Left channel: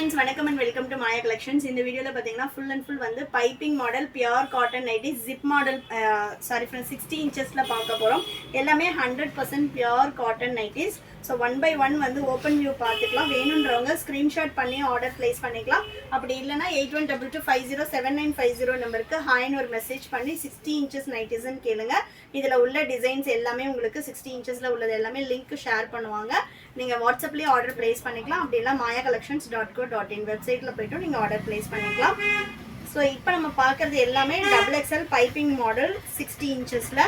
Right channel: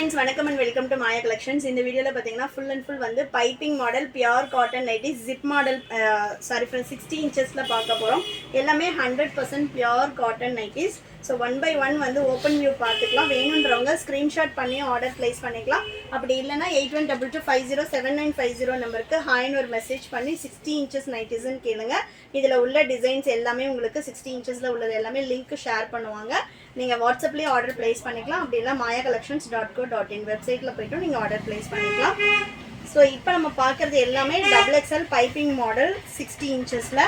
friends, welcome and welcome to Maya Collections. In the video la pathina full and full vandu piping model pure cotton nighties zip model sorry friends 60 inches la paaka porom ellame 100% pure cotton nighties. So one by one vandu open view paathukalam venundravanga screenshot panni order place panikalam appadi illana 8122507950 number ku hi nu or message panni 60 inches nighties nu kelunga idhula ulla designs ellame ungalku 60 inches la ulladhu ellame link share பண்ணுவாங்க நீங்க வாட்ஸ்அப்லயே order place பண்ணிக்கலாம் அப்படி இல்ல mayacollections.co.in வெப்சைட்ல போய்ட்டு நீங்க order place பண்ணிக்கலாம். So இப்போ நம்ம பார்க்கிறது எல்லாமே XXL piping model 60 இன்ச்சஸ்ல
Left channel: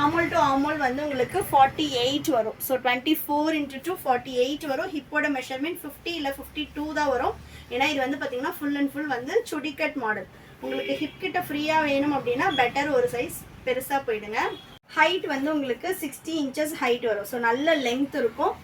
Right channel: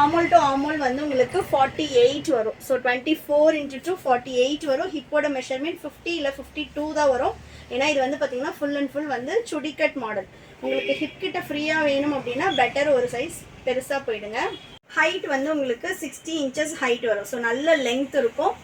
armhole to armhole வந்து உங்களுக்கு 48 வரும். சோ 24 into 48 வரும். ஹிப்போட மெஷர்மென்ட் 50 இல்ல 52 தான் வரும். ஏனா இது வந்து பாத்தீங்கன்னா ஃபுல் அண்ட் ஃபுல் வந்து சுடி கட் மாடல். உங்களுக்கு ஹிப் கிட்ட ஃப்ரீயா வேணும் அப்படினா பெட்டர் ஒரு சைஸ் பெருசா போய்டுங்க. ஹைட் வந்து உங்களுக்கு 60 inches ஹைட் வரும். சோ நல்ல லெங்த் இருக்கும்.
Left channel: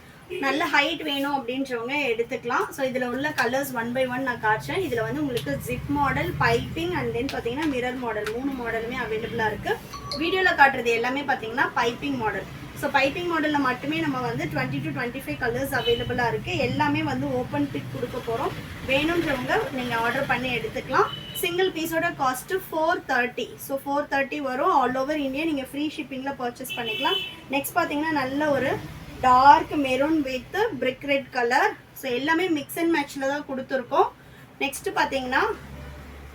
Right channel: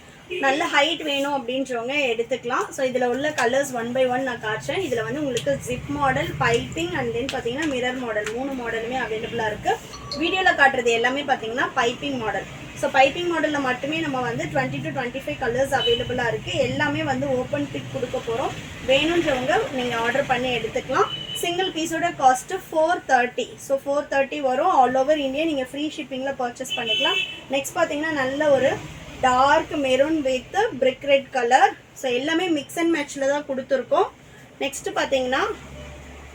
நல்ல ஹைட் வேணும் அப்படின்றவங்க எடுத்துக்கலாம். ஸோ இதில் உள்ள கலர்ஸ் ஒன் பை ஒன் நான் காட்டுறேன். இதில் வந்து உங்களுக்கு zip model, piping and then பார்த்தீங்கன்னா மிரர் மாடல் 3 மாடலுமே அவைலபிளாக இருக்குது. வீடியோவில் காட்டுறது எல்லாமே பார்த்தீங்கன்னா பைப்பிங் மாடல். ஸோ பைப்பிங் மாடலில் மட்டுமே நம்ம வந்து 20 to 25 கலர்ஸ் அவைலபிளாக இருக்குது. எல்லாமே வந்து ஓப்பன் பிக் கொடுக்க போகிறோம். வேணுன்றவங்க நீங்கள் ஆர்டர் பண்ணி எடுத்துக்கலாம். சிங்கிள் பீஸோட காஸ்ட்டு 430. ஸோ 430 வரும். ஆல் ஓவர் இந்தியா நீங்கள் ஃப்ரீ ஷிப்பிங்கில் பர்ச்சேஸ் பண்ணிக்கலாம். நெக்ஸ்ட் பார்த்தீங்கன்னா நல்ல ஒரு dark maroon with brick red colour. So எல்லாமே மிக்ஸ் அண்ட் மேட்ச்ல தான் கொடுத்துருக்கோம். நெக்ஸ்ட் பார்த்தீங்கன்னா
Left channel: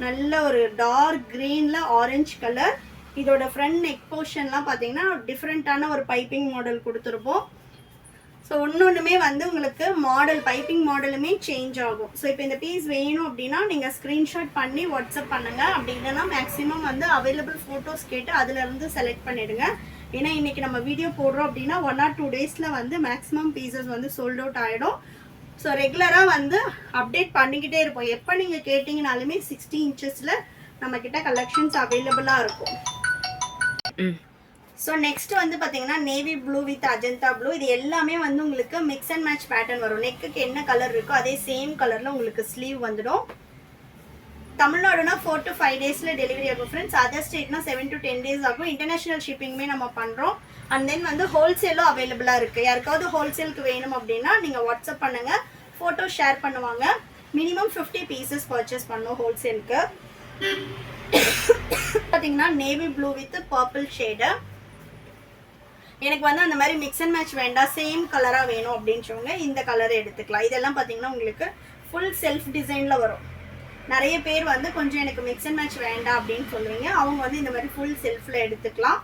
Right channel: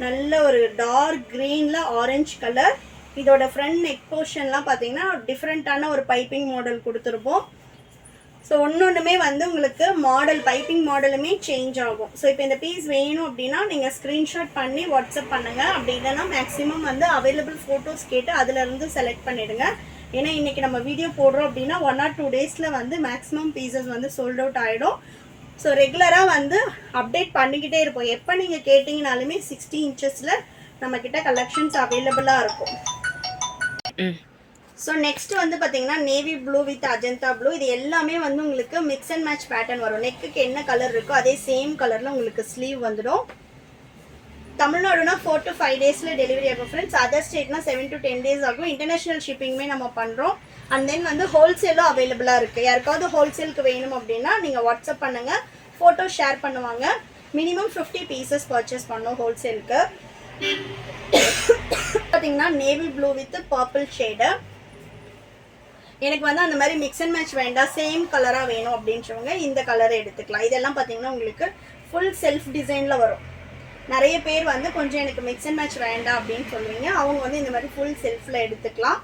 நல்ல ஒரு டார்க் க்ரீனில் ஆரஞ்சு கலர். இதோட ஃப்ரண்ட் நெக் போர்ஷன்லாம் பார்த்தீங்கன்னா டிஃப்ரெண்ட்டான ஒரு பைப்பிங் மாடல் கொடுத்துருப்போம். ஸோ ஒன்றுமே வந்து உங்களுக்கு மாடல் பைப்பிங் மாடலுமே சேஞ்ச் ஆகும். ஸோ இப்போ இந்த பீஸ் வேணும் அப்படின்னா நீங்கள் ஸ்க்ரீன்ஷாட் பண்ணி வாட்ஸ்அப் பண்ணுங்கள். அப்படி இல்லைன்னா மேக்ஸிமம் வந்து அவைலபிள் ஃபோட்டோஸ் கேட்டு அதிலேருந்து செலக்ட் பண்ணிவிடுங்க. ஏன்னா இன்றைக்கி நம்ம வீடியோ போடுறோம் அப்படின்னா 1 or 2 days வந்து மேக்ஸிமம் பீசஸ் வந்து சோல்ட் அவுட் ஆகிடும். ஸோ ரெகுலராக வந்து அப்டேட் பண்ணிக்கிட்டே இருப்போம். எப்போ நீங்கள் கேட்டிங்கனாலுமே 60 inchesல நம்மக்கிட்ட கலெக்ஷன்ஸ் அவைலபிளாக இருக்கும். ஸோ நெக்ஸ்ட் வந்து பார்த்தீங்கன்னா navy blue with Ajanta blue. இது எல்லாமே வந்து உங்களுக்கு மிக்ஸ் அண்ட் மேட்ச் பேட்டர்ன் வரும். நெக்குக்கு என்ன கலர் இருக்கோ அதே சேம் கலரில் உங்களுக்கு ஸ்லீவ் வந்துடும். தமிழ்நாடுனா 4 to 5 daysல டெலிவரி ஆகும் ஃப்ரெண்ட்ஸ். அதர் ஸ்டேட்னா 7 to 10 days ஆகும். இன்டர்நேஷனல் ஷிப்பிங்குமே நம்ம பண்ணுறோம். அண்ட் தென் வந்து ஹோல்சேலும் அவைலபிளாக இருக்குது. யாருக்காவது ஹோல்சேலுக்கு வேணும் அப்படின்னா நீங்கள் வாட்ஸ்அப் பண்ணுங்கள். ஃபோட்டோ ஷேர் பண்ணுவாங்க. மினிமம் 50 pieces பர்ச்சேஸ் பண்ணோம் ஹோல்சேலுக்கு. பார்த்தீங்கன்னா navy blue with purple shade. எனக்கு வந்து அந்த மாதிரி மிக்ஸ் அண்ட் மேட்ச் வேண்டாம், சேம் கலராக வேணும் அப்படின்றவங்க இந்த கலரை எடுத்துக்கலாம். இதெல்லாம் பார்த்தீங்கன்னா உங்களுக்கு ஃபுல் செல்ஃப் டிசைனில் வரும். நிறைய பேர் வந்து கொஞ்சம் எனக்கு மிக்ஸ் அண்ட் மேட்ச் வேண்டாம் அப்படின்னு சொல்லுவீங்க. அவங்க வந்து இந்த மாதிரி ஃபுல் செல்ஃபில் எடுத்துக்கலாம்.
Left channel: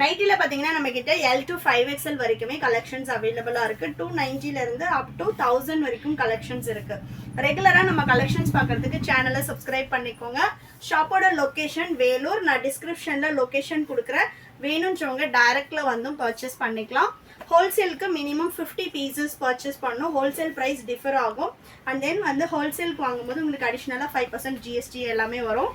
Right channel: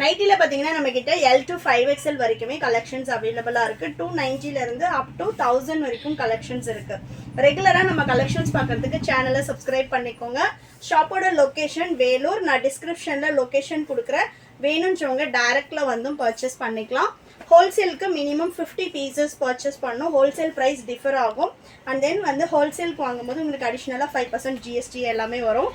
நைட்டியில் பார்த்தீங்கன்னா நம்மக்கிட்ட L to 5XL வரைக்குமே கலெக்ஷன்ஸ் அவைலபிளாக இருக்குது. 290 அப் டு 1000 வரைக்கும் கலெக்ஷன்ஸ் இருக்குது. ரெகுலராக நம்ம கலெக்ஷன்ஸ் பார்க்குறதுக்கு சேனலை சப்ஸ்கிரைப் பண்ணிக்கோங்க. ஷாப்போட லொக்கேஷன் வேலூர். நான் டிஸ்கிரிப்ஷனில் லொக்கேஷன் கொடுக்குறேன். வேணுன்றவங்க டைரெக்டில் வந்தும் பர்ச்சேஸ் பண்ணிக்கலாம். ஹோல்சேலுக்கு மினிமம் 50 pieces பர்ச்சேஸ் பண்ணணும். ஹோல்சேல் ப்ரைஸ் டிஃபர் ஆகும். அண்ட் தென் வந்து ஹோல்சேலுக்கு வாங்கும்போது உங்களுக்கு அடிஷ்னலாக 5% GST எல்லாமே வரும்.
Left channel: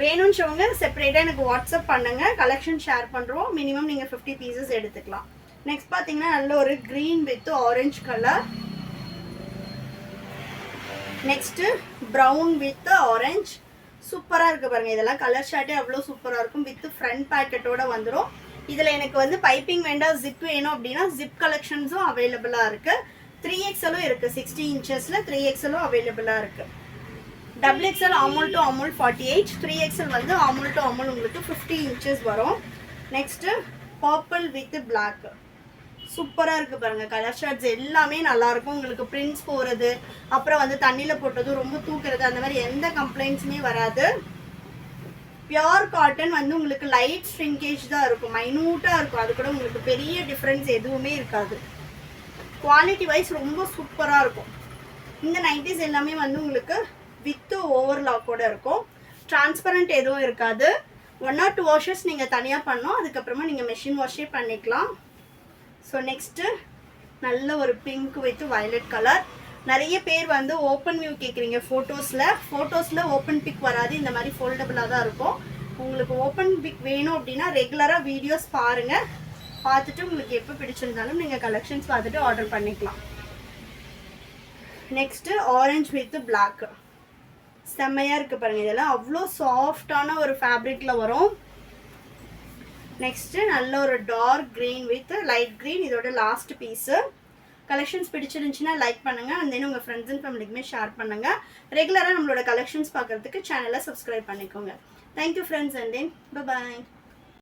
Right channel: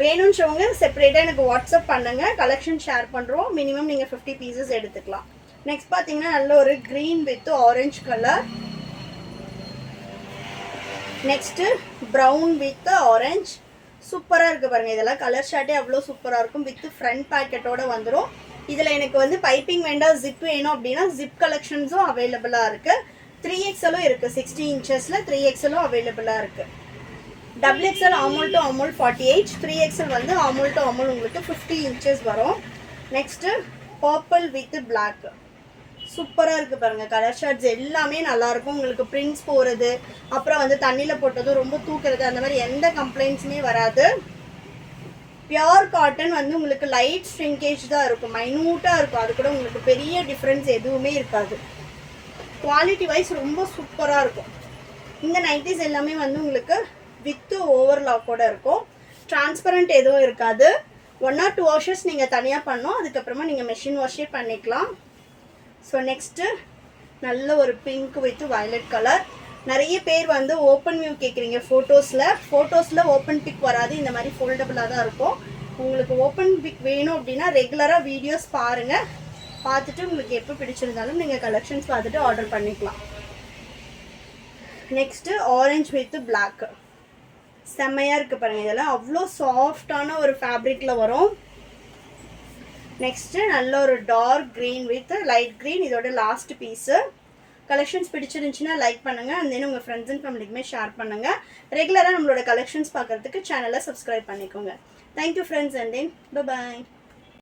வேணுன்றவங்க செப்பரேட்டாக எனக்கு வாட்ஸ்அப் பண்ணுங்கள். கலெக்ஷன் ஷேர் பண்ணுறோம். மினிமம் நீங்கள் 50 pieces எடுத்துக்கலாம். நெக்ஸ்ட் பார்த்தீங்கன்னா நல்ல ஒரு green with orange colour. Next brown with orange. சூப்பராக இருக்குது பாருங்கள். இதெல்லாம் கலர் ஷார்ட்டே அவ்வளோ சூப்பராக இருக்கும். வித் ஃப்ரண்ட் பேக்கெட்டோட வந்துடும். இதில் எனக்கு வந்து பைப்பிங் வேண்டாம், ஜிப் வேணும் அப்படின்னா ஜிப் கலெக்ஷன்ஸும் அவைலபிளாக இருக்குது. 3XLும் இருக்குது. 60 inchesல 3XLும் அவைலபிளாக இருக்குது. XXL armhole to armhole 48. 3XL வந்து ஆர்மோல் டு ஆர்மோல் உங்களுக்கு 50 inches வரும். Next purple with black. சூப்பராக இருக்குது பாருங்கள். கலர் ஷார்ட்ஸ் எல்லாமே நல்லாயிருக்கும். உங்களுக்கு பிரிண்ட்ஸ் போகிறது, அப்புறம் வந்து தண்ணியில் போட்டதும் ரொம்ப தூக்குறது, அந்த மாதிரி எந்த கம்ப்ளைண்ட்ஸுமே வராது. பியோர் காட்டன் வந்து உங்களுக்கு லைட் ஸ்ட்ரிங்கேஜ் தான் இருக்கும். மைனூட்டாக இருக்கும். அது கூட உங்களுக்கு பெரிய டிஃப்ரென்ஸ் எதுவுமே இருக்காது. குவாலிட்டி வைஸ் ரொம்ப சூப்பராக இருக்கும். இந்த நைட்டிஸ் எல்லாமே வந்து உங்களுக்கு வித்து ஓவர்லாக்கோட இருக்கும். டிரான்ஸ்பரண்ட் எதுவும் இருக்காது. 1 or 2 washes நீங்கள் தனியாக பண்ணோம். அதுக்கப்புறமா நீங்கள் மெஷின் வாஷே பண்ணிக்கலாம். ஸோ நெக்ஸ்ட்டு நல்ல ஒரு பிங்க் வித் வயலட் கலர். நிறைய பேர் வந்து ஓப்பன் வியூ கேட்குறீங்க ஃபோட்டோஸில் ஓப்பன் பிக் வராது. இந்த மாதிரி ஃபோல்டபுளாக தான் இருக்கும். உங்களுக்கு ஓப்பன் பிக் வேணும் அப்படின்னா ரெகுலராக வீடியோஸ் பாருங்கள். பார்த்துட்டு உங்களுக்கு எப்போ பிடிச்சிருந்தாலும் நீங்கள் கலெக்ஷன்ஸ் பார்த்துட்டு ஆர்டர் பண்ணிக்கலாம். Next orange with black. செம்மையாக இருக்குது பாருங்கள். இதெல்லாம் அவ்வளோ சாஃப்டான ஒரு ஃபேப்ரிக்கில் வரும். நெக்ஸ்ட்டு நல்ல ஒரு dark green with light green. இதோட லாஸ்ட் பீஸு கலெக்ஷன்ஸ் பிடிச்சிருந்துச்சுன்னா லைக் பண்ணுங்கள், அண்ட் தென் உங்கள் ஃப்ரெண்ட்ஸ் அண்ட் ஃபேமிலிக்குமே ஷேர் பண்ணுங்கள். ரெகுலராக நம்மளோட கலெக்ஷன்ஸ் பார்க்குறதுக்கு சேனலை சப்ஸ்கிரைப் பண்ணிக்கோங்க. Thank you friends, and then bye.